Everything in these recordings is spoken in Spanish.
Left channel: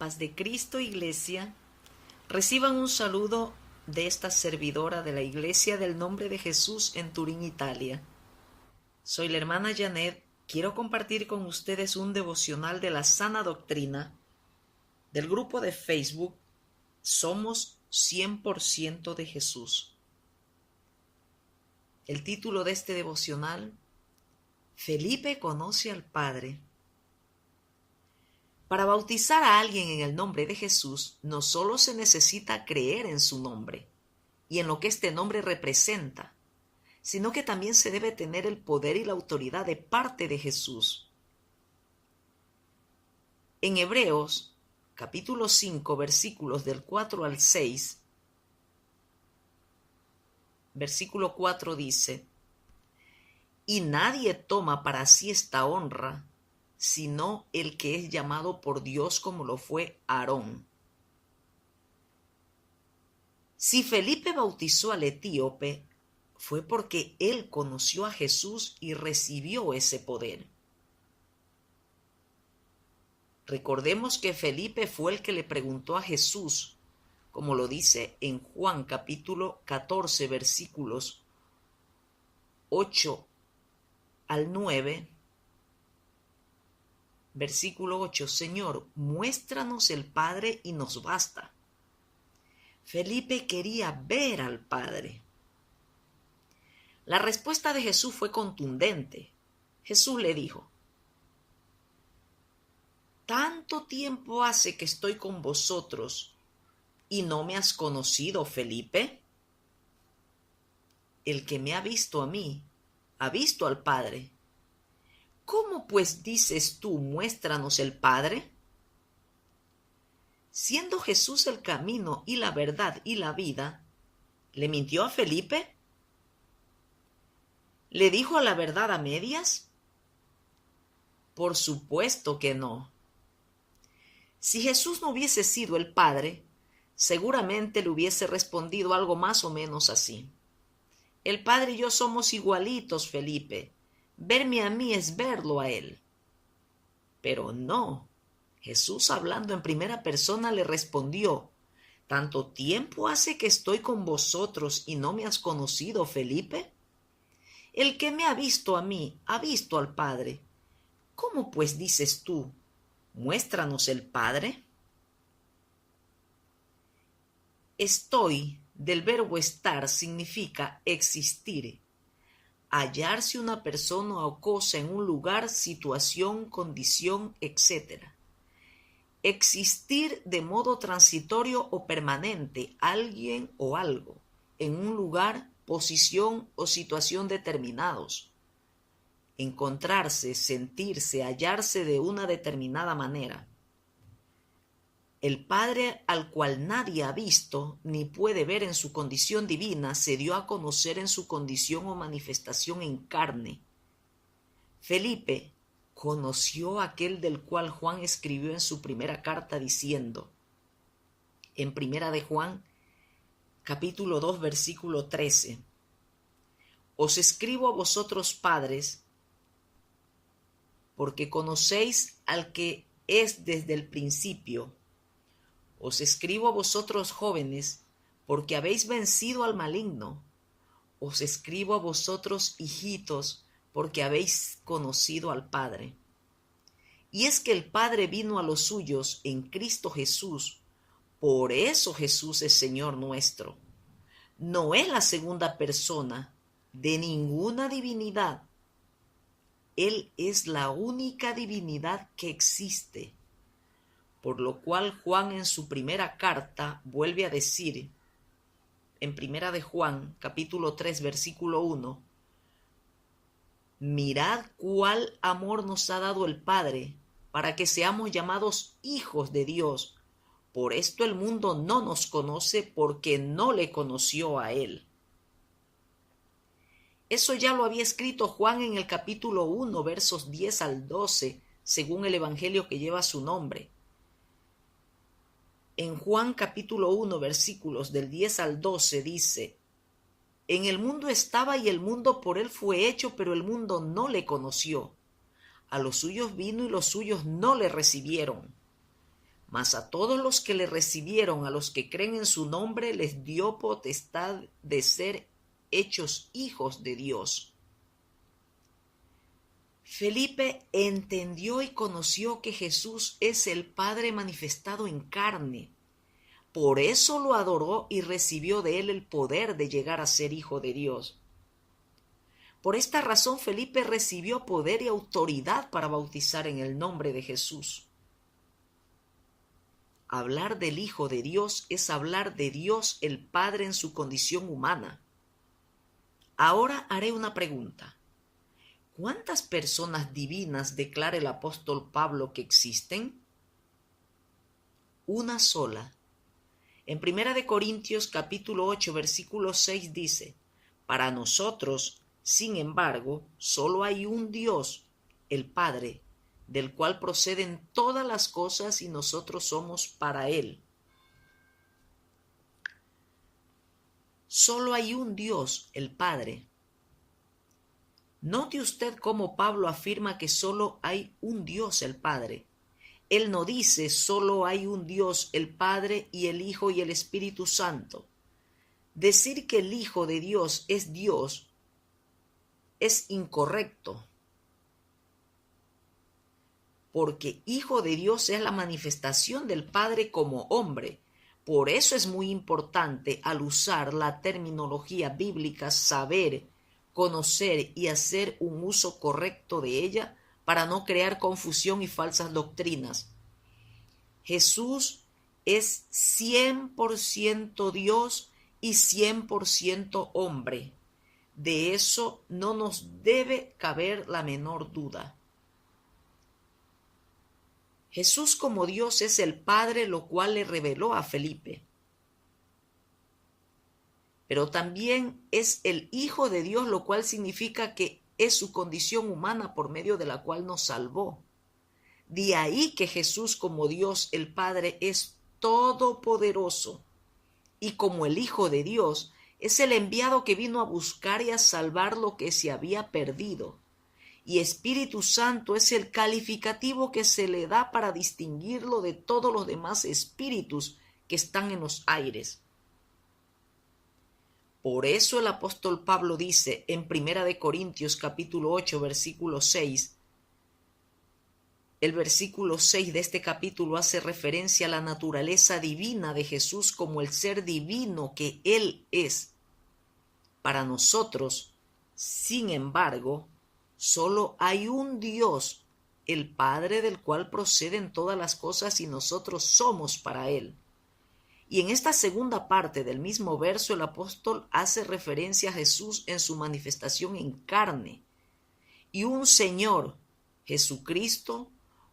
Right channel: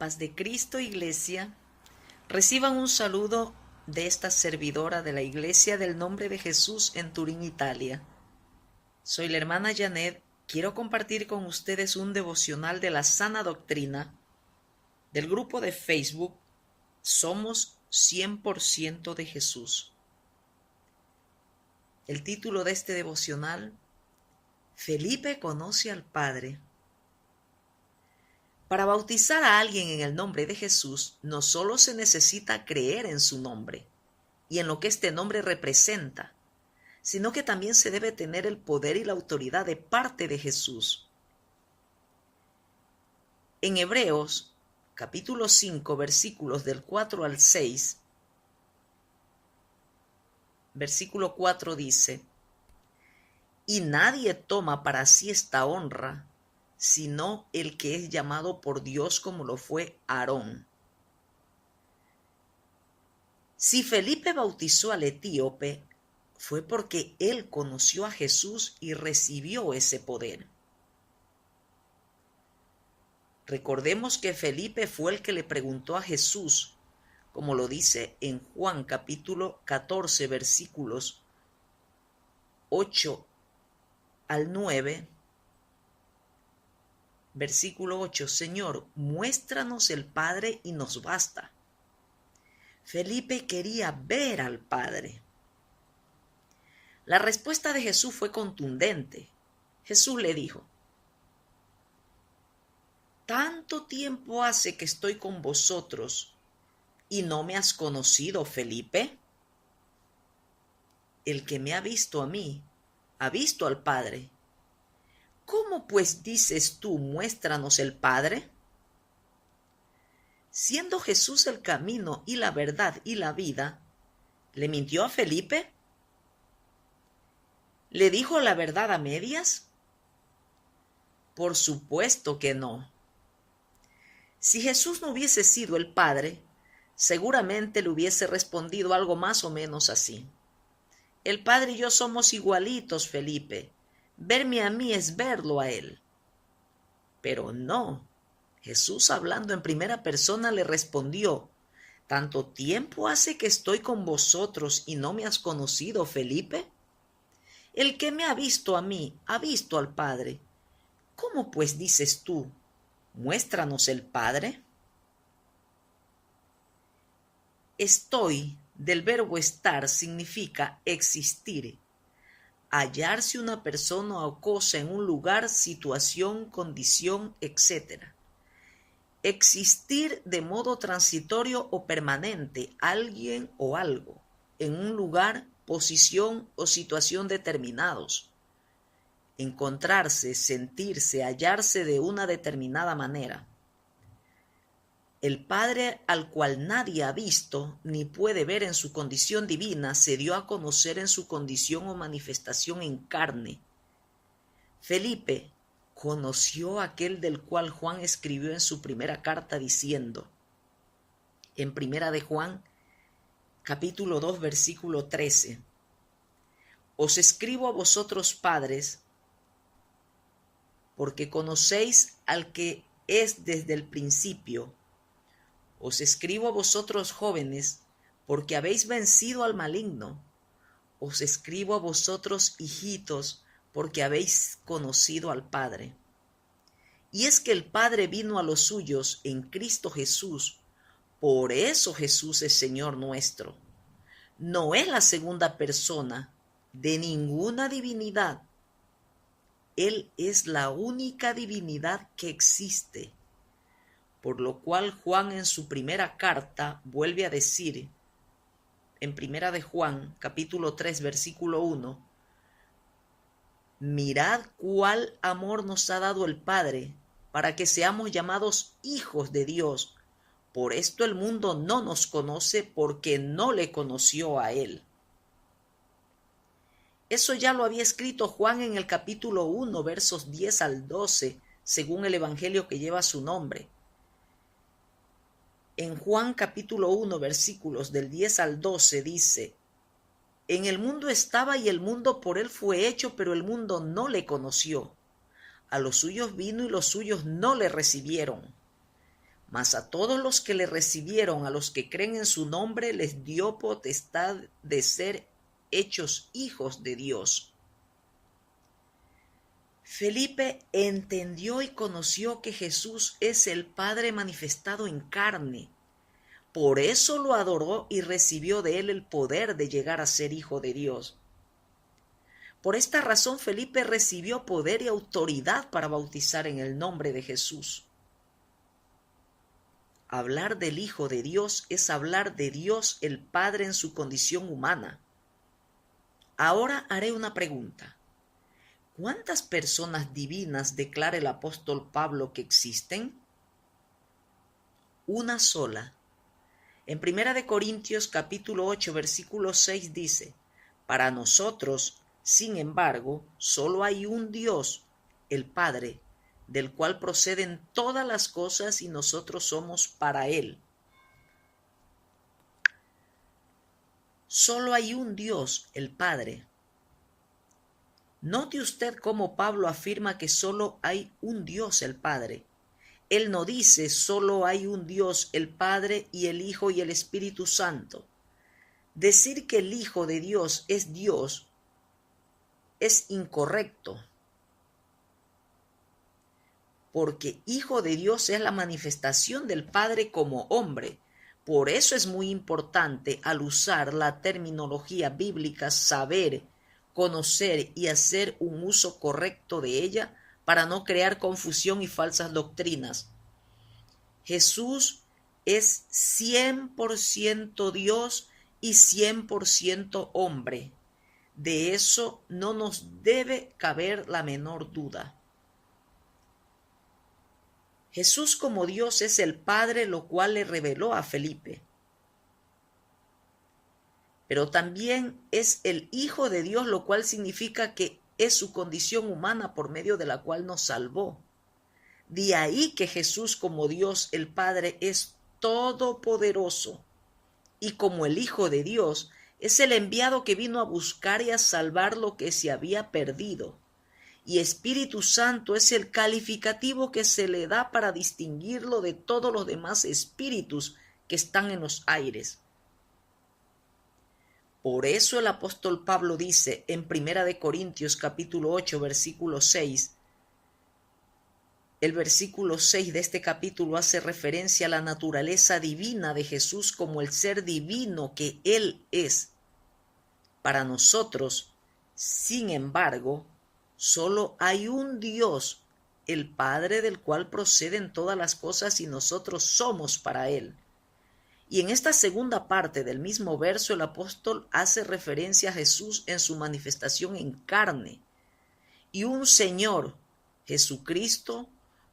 Paz de Cristo, Iglesia. Reciban un saludo de esta servidora de la Iglesia del Nombre de Jesús en Turín, Italia. Soy la hermana Janet. Quiero compartir con ustedes un devocional de la sana doctrina del grupo de Facebook Somos 100% de Jesús. El título de este devocional: Felipe conoce al Padre. Para bautizar a alguien en el nombre de Jesús, no solo se necesita creer en su nombre y en lo que este nombre representa, sino que también se debe tener el poder y la autoridad de parte de Jesús. En Hebreos, capítulo 5, versículos del 4 al 6, versículo 4 dice: Y nadie toma para sí esta honra, sino el que es llamado por Dios, como lo fue Aarón. Si Felipe bautizó al etíope, fue porque él conoció a Jesús y recibió ese poder. Recordemos que Felipe fue el que le preguntó a Jesús, como lo dice en Juan capítulo 14, versículos 8 al 9, versículo 8: Señor, muéstranos el Padre y nos basta. Felipe quería ver al Padre. La respuesta de Jesús fue contundente. Jesús le dijo: ¿Tanto tiempo hace que estoy con vosotros y no me has conocido, Felipe? El que me ha visto a mí, ha visto al Padre. ¿Cómo pues dices tú, muéstranos el Padre? Siendo Jesús el camino y la verdad y la vida, ¿le mintió a Felipe? ¿Le dijo la verdad a medias? Por supuesto que no. Si Jesús no hubiese sido el Padre, seguramente le hubiese respondido algo más o menos así: El Padre y yo somos igualitos, Felipe. Verme a mí es verlo a él. Pero no. Jesús, hablando en primera persona, le respondió: ¿Tanto tiempo hace que estoy con vosotros y no me has conocido, Felipe? El que me ha visto a mí, ha visto al Padre. ¿Cómo pues dices tú, muéstranos el Padre? Estoy, del verbo estar, significa existir. Hallarse una persona o cosa en un lugar, situación, condición, etc. Existir de modo transitorio o permanente, alguien o algo, en un lugar, posición o situación determinados. Encontrarse, sentirse, hallarse de una determinada manera. El Padre, al cual nadie ha visto ni puede ver en su condición divina, se dio a conocer en su condición o manifestación en carne. Felipe conoció a aquel del cual Juan escribió en su primera carta diciendo, en primera de Juan, capítulo 2, versículo 13: Os escribo a vosotros, padres, porque conocéis al que es desde el principio. Os escribo a vosotros, jóvenes, porque habéis vencido al maligno. Os escribo a vosotros, hijitos, porque habéis conocido al Padre. Y es que el Padre vino a los suyos en Cristo Jesús. Por eso Jesús es Señor nuestro. No es la segunda persona de ninguna divinidad. Él es la única divinidad que existe. Por lo cual Juan en su primera carta vuelve a decir, en primera de Juan, capítulo 3, versículo 1, Mirad cuál amor nos ha dado el Padre, para que seamos llamados hijos de Dios. Por esto el mundo no nos conoce, porque no le conoció a Él. Eso ya lo había escrito Juan en el capítulo 1, versos 10 al 12, según el evangelio que lleva su nombre. En Juan capítulo 1, versículos del 10 al 12 dice: En el mundo estaba y el mundo por él fue hecho, pero el mundo no le conoció. A los suyos vino y los suyos no le recibieron. Mas a todos los que le recibieron, a los que creen en su nombre, les dio potestad de ser hechos hijos de Dios. Felipe entendió y conoció que Jesús es el Padre manifestado en carne. Por eso lo adoró y recibió de él el poder de llegar a ser hijo de Dios. Por esta razón Felipe recibió poder y autoridad para bautizar en el nombre de Jesús. Hablar del Hijo de Dios es hablar de Dios el Padre en su condición humana. Ahora haré una pregunta. ¿Cuántas personas divinas declara el apóstol Pablo que existen? Una sola. En 1 Corintios capítulo 8, versículo 6 dice, para nosotros, sin embargo, solo hay un Dios, el Padre, del cual proceden todas las cosas y nosotros somos para Él. Solo hay un Dios, el Padre. Note usted cómo Pablo afirma que solo hay un Dios, el Padre. Él no dice solo hay un Dios, el Padre y el Hijo y el Espíritu Santo. Decir que el Hijo de Dios es incorrecto, porque Hijo de Dios es la manifestación del Padre como hombre. Por eso es muy importante, al usar la terminología bíblica, saber, conocer y hacer un uso correcto de ella para no crear confusión y falsas doctrinas. Jesús es 100% Dios y 100% hombre. De eso no nos debe caber la menor duda. Jesús como Dios es el Padre, lo cual le reveló a Felipe. Pero también es el Hijo de Dios, lo cual significa que es su condición humana por medio de la cual nos salvó. De ahí que Jesús como Dios el Padre es todopoderoso y como el Hijo de Dios es el enviado que vino a buscar y a salvar lo que se había perdido. Y Espíritu Santo es el calificativo que se le da para distinguirlo de todos los demás espíritus que están en los aires. Por eso el apóstol Pablo dice en 1 Corintios capítulo 8, versículo 6, el versículo 6 de este capítulo hace referencia a la naturaleza divina de Jesús como el ser divino que Él es. Para nosotros, sin embargo, solo hay un Dios, el Padre del cual proceden todas las cosas y nosotros somos para Él. Y en esta segunda parte del mismo verso el apóstol hace referencia a Jesús en su manifestación en carne y un Señor, Jesucristo,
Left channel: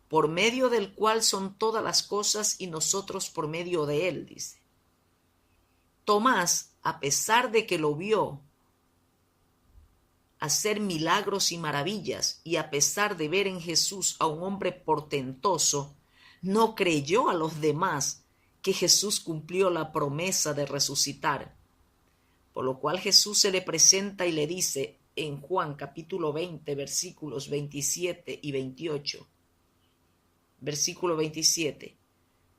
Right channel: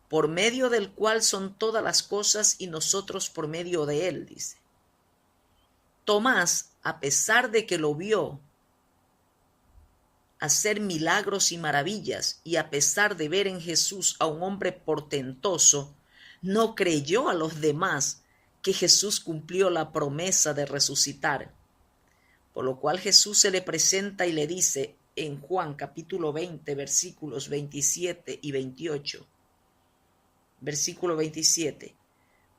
por medio del cual son todas las cosas y nosotros por medio de Él, dice. Tomás, a pesar de que lo vio hacer milagros y maravillas y a pesar de ver en Jesús a un hombre portentoso, no creyó a los demás que Jesús cumplió la promesa de resucitar. Por lo cual Jesús se le presenta y le dice en Juan capítulo 20, versículos 27 y 28. Versículo 27.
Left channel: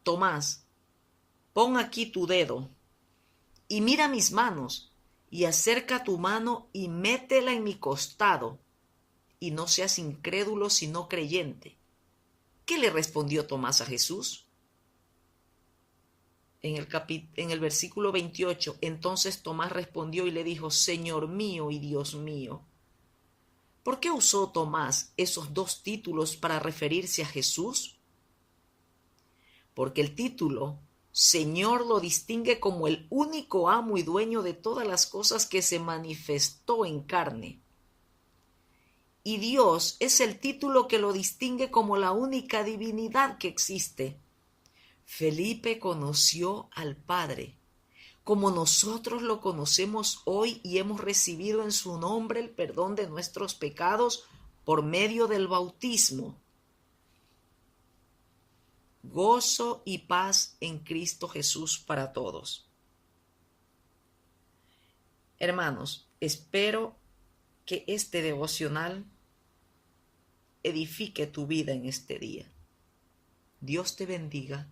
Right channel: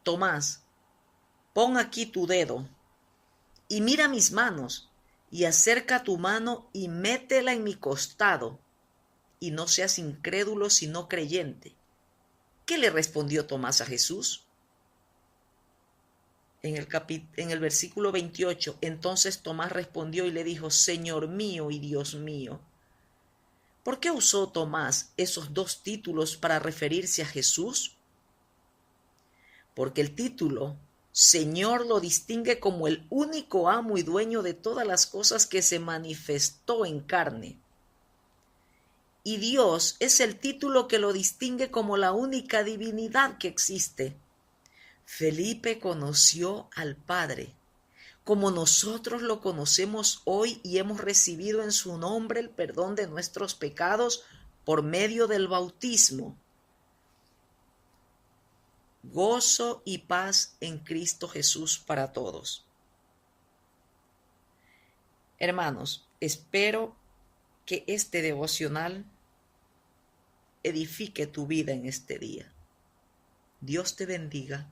Tomás, pon aquí tu dedo y mira mis manos y acerca tu mano y métela en mi costado y no seas incrédulo sino creyente. ¿Qué le respondió Tomás a Jesús? En el versículo 28, entonces Tomás respondió y le dijo, Señor mío y Dios mío. ¿Por qué usó Tomás esos dos títulos para referirse a Jesús? Porque el título Señor lo distingue como el único amo y dueño de todas las cosas que se manifestó en carne. Y Dios es el título que lo distingue como la única divinidad que existe. Felipe conoció al Padre, como nosotros lo conocemos hoy y hemos recibido en su nombre el perdón de nuestros pecados por medio del bautismo. Gozo y paz en Cristo Jesús para todos. Hermanos, espero que este devocional edifique tu vida en este día. Dios te bendiga.